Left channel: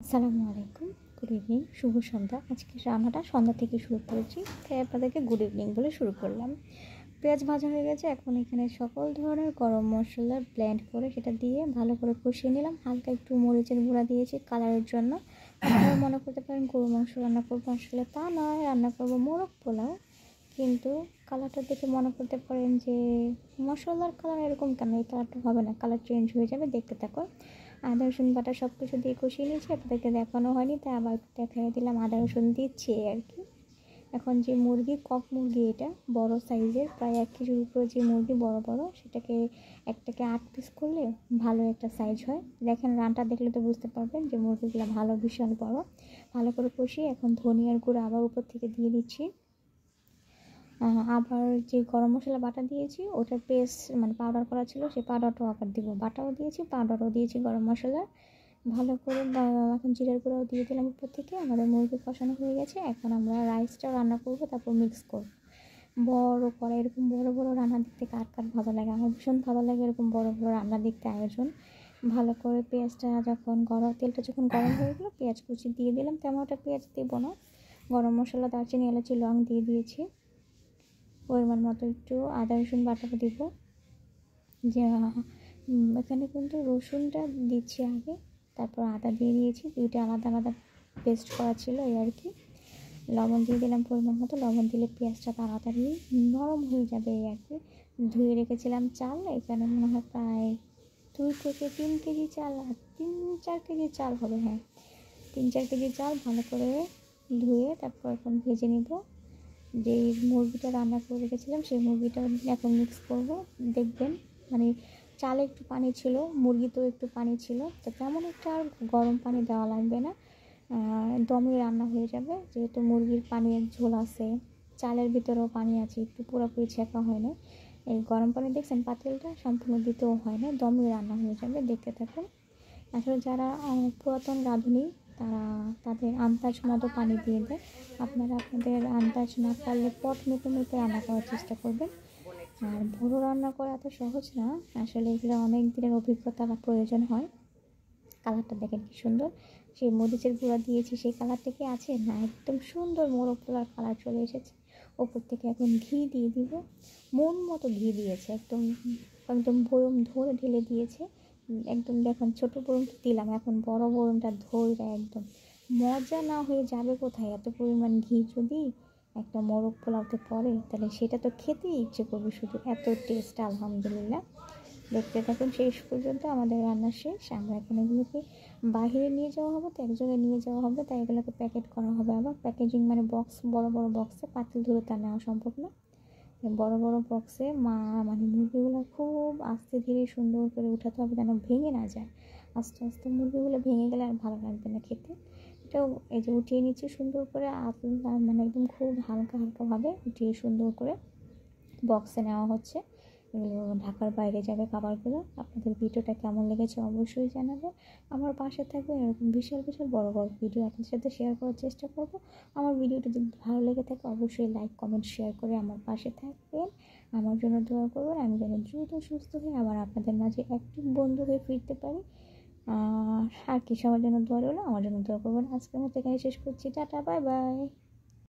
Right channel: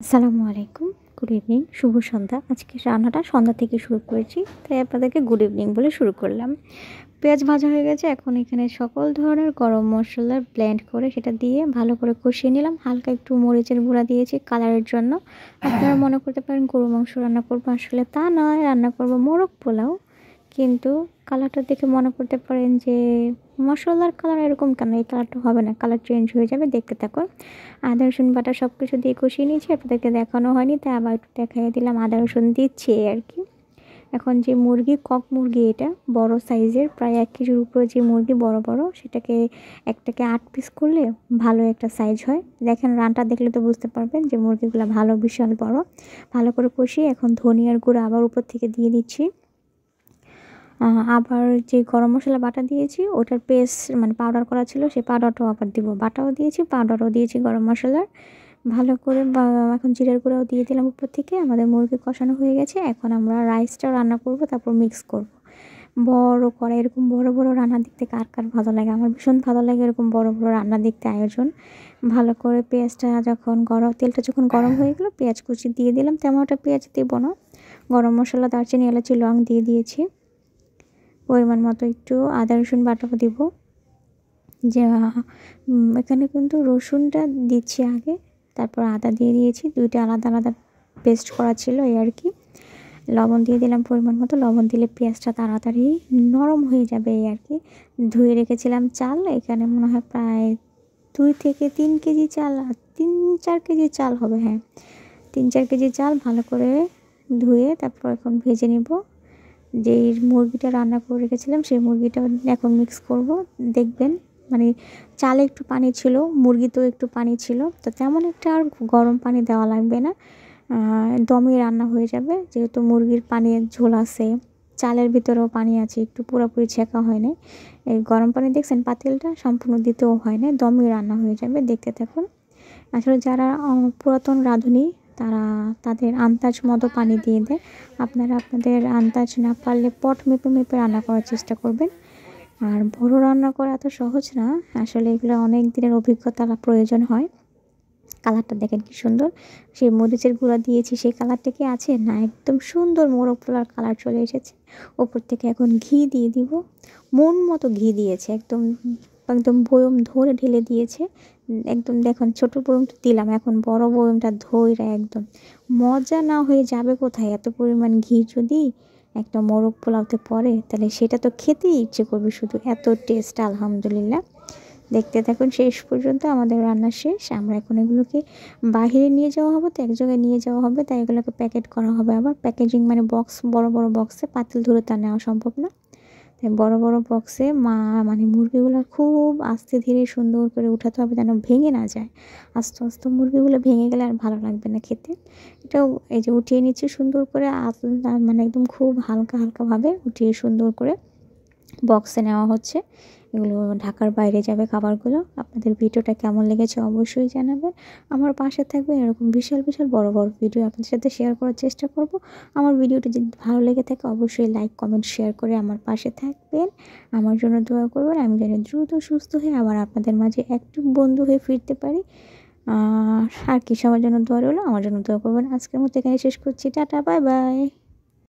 আসসালামু আলাইকুম, good evening, শুভ সন্ধ্যা। আজকে রান্নাটা সন্ধ্যা থেকে শুরু করেছি, তাই আপনাদেরকে গুড ইভিনিং বলে শুরু করলাম। পেঁয়াজ ভাজা হয়ে গেছে, এখন এখানে সকল ধরনের গরম মশলা ব্লেন্ড করে সেটা দিয়ে ভালো করে কষিয়ে নিলাম। হালকা একটু মরিচের গুঁড়া দিয়েছি কালারের জন্য। আপনারা মনে করতে পারেন গরু মাংস রান্না করবো, আসলে তা নয়, রান্না করবো মোরগ পোলাও। কিন্তু কালারটা দেখে মনে করতে পারেন যে মশলার কালার এরকম কেন, এই কালারটা হবে না, কালার চেঞ্জ হয়ে যাবে, দেখতে থাকুন। আদা রসুন বাটা সব কিছু দিয়ে কষিয়ে নিয়েছি, আপনাদেরকে দেখানো হয়নি তাই আবার একটু দেখাই দিলাম। আদা রসুন দিচ্ছি আর কি। এখন যে মুরগি, কক মুরগি, এটা বড় সাইজের, প্রায় 1 কেজির উপরে যে মুরগি বড় বড়, সেটাকে একটাকে 8 পিস করলে ভালো একটা সাইজ হয়। দেখেন রানটা দেখলে তো বুঝতে পারবেন যে মুরগিগুলো ভালো, বিশাল বড়। ভালো করে কষিয়ে এখন ধনিয়ার গুঁড়ো আবার উপর থেকে দিয়ে দিচ্ছি। আবার যে গরম মশলা বাটা দিয়েছি ওটার পেস্ট মানে পাউডার করা ছিল, সেই পাউডারটাও আবার দিব। বাটাও দিয়েছি, পাউডারও দিয়েছি গরম মশলার। ভালো করে এখন জিরার গুঁড়াও দিয়ে দিলাম উপর থেকে। আমাদের মুরগি কষানো হয়ে গেছে, এখন আমরা রাইসটা রান্না করব, তারপর মিক্স করব। বড় কড়াই, এরকম বড় বড় রান্না দেখতে কার কার ভালো লাগে? আমার ভীষণ ভালো লাগে এরকম বড় বড় রান্না দেখতে আয়োজন। ভালো করে পেঁয়াজটা যখন তেলটা যখন গরম হয়ে গেলো, পেঁয়াজ কুচি দিয়ে দিলাম। তেমন একটা পেঁয়াজ দেবো না। গরম মশলা, দারচিনি, এলাচি, লং দিয়ে দিয়েছি। পরিমাণ মতো একটু আদা রসুন বাটাও দিব। যে এখানে কিন্তু রসুনটা দিচ্ছি আগে, তারপর আদা দিয়ে দিয়েছি, দুইটা আলাদা আলাদা পেস্ট করা ছিল এই আর কি। লবণ দিয়ে দিলাম পরিমাণ মতো, লবণ দিলে পেঁয়াজটা তাড়াতাড়ি নরম হয়ে যাবে এই আর কি। ধুয়ে রেখেছিলাম চাল, এখানে মনে হয় প্রায় 2 থেকে 3 কেজি চাল, 3-4 কেজি চাল হবে, হ্যাঁ 3-4 কেজি চাল ভালো করে ধুয়ে তারপর এখন ভেজে নিব। যেই মুরগিটা রান্না করে রেখেছিলাম সেই মুরগিটা এখন মিক্স করব। দেখবেন মানে চালে একটু পানি ছিল, মুরগিতেও একটু পানি ছিল, তো তেমন একটা আর গরম পানি দেওয়া লাগবে না, দমে রান্না হয়ে যাবে। যেহেতু মুরগির পানির ঝোল আছে, চালের ভিতরেও পানি আছে, একটু পুরোপুরি ছেঁকা হয় না। এই গরম পানি দেখছেন পাতিলটা সম্পূর্ণ দিতেও হয় না, দমে রান্না হয়ে যাবে, দেখতে থাকুন। আসলে যারা পুরাতন রাঁধুনি তারা তাদের আন্দাজ মতো পানি দিয়ে দেয়। আপনারা আপনাদের আন্দাজ না পারলে পট মেপে মেপে রান্না করার চেষ্টা করবেন। আর বড় রান্না করা এত সহজ না, আসলে এগুলো অনেক দিনের অভিজ্ঞতা প্রয়োজন হয়। কালারটা দেখেন কি সুন্দর, সেই মরিচের গুঁড়া দিয়েছি, সেই কালারটা কি আছে না, একদম সুন্দর মোরগ পোলার কালার চলে এসেছে। ওপর থেকে এখন ঘি দিয়ে দিব, মন মতো ঘি দিয়েছে, একদম একদম বয়ম ধরে ঢেলে দিয়েছে। একদম দেখুন ছোট বয়মটা দিলাম, এখন বড় বয়মটা ধরে একদম মজা না হয়ে যাবে কোথায়? এত পরিমাণ ঘি যদি একটা মোরগ পোলাওতে পড়ে তাহলে সেটা তো খেতেই ইচ্ছে করবে, শুধু এত টেস্ট আলহামদুলিল্লাহ। দেখতে থাকুন শেষ পর্যন্ত। আমাদের রান্না শেষ, আমরা এখন এগুলোকে বাহিরে নিয়ে যাওয়া হবে, তো এক জায়গায় নিয়ে যাওয়া হবে, তাই এগুলোকে প্যাকেট করা হবে। আবার প্যাকেজিং মানে বক্স, বড় বড় বক্সে, পাতিল ধরে তা নেওয়া সম্ভব না, তাই বড় বড় বক্সে মানে মুরগিগুলো খুব আস্তে ধীরে সুন্দর করে উঠাতে হবে যেন ভেঙে না যায়। আস্তে আস্তে মুরগিগুলো ভেঙে গেলে আর ভালো লাগবে না খেতে। এটাও এই যে উঠিয়ে নিচ্ছি সুন্দর করে, মানে একদম খুব হালকা হালকাভাবে উঠিয়ে সুন্দর করে বক্সে নেওয়া হচ্ছে। এগুলো ঢাকার বাইরে যাবে খাবারগুলো। আপনাদের ভিডিওটা কেমন লেগেছে অবশ্যই জানাবেন। আমার পাশে থাকবেন, এরকম বিশাল বিশাল বড় বড় ভিডিও আপনাদের সাথে শেয়ার করার চেষ্টা করব। আমার ভিডিওটি যদি ভালো লেগে থাকে অবশ্যই লাইক, কমেন্ট, শেয়ার করে আমার পাশে থাকবেন। আমার জন্য দোয়া করবেন, আমি যেন দ্রুত সুস্থ হয়ে আবার আপনাদের মাঝে একটু বন্ধু হয়ে ফিরতে পারি। আর কি, সবার জন্য দোয়া রইলো, আমার জন্য দোয়া করবেন। আজকের মতো এখানে শেষ করছি, টাটা, বাই বাই।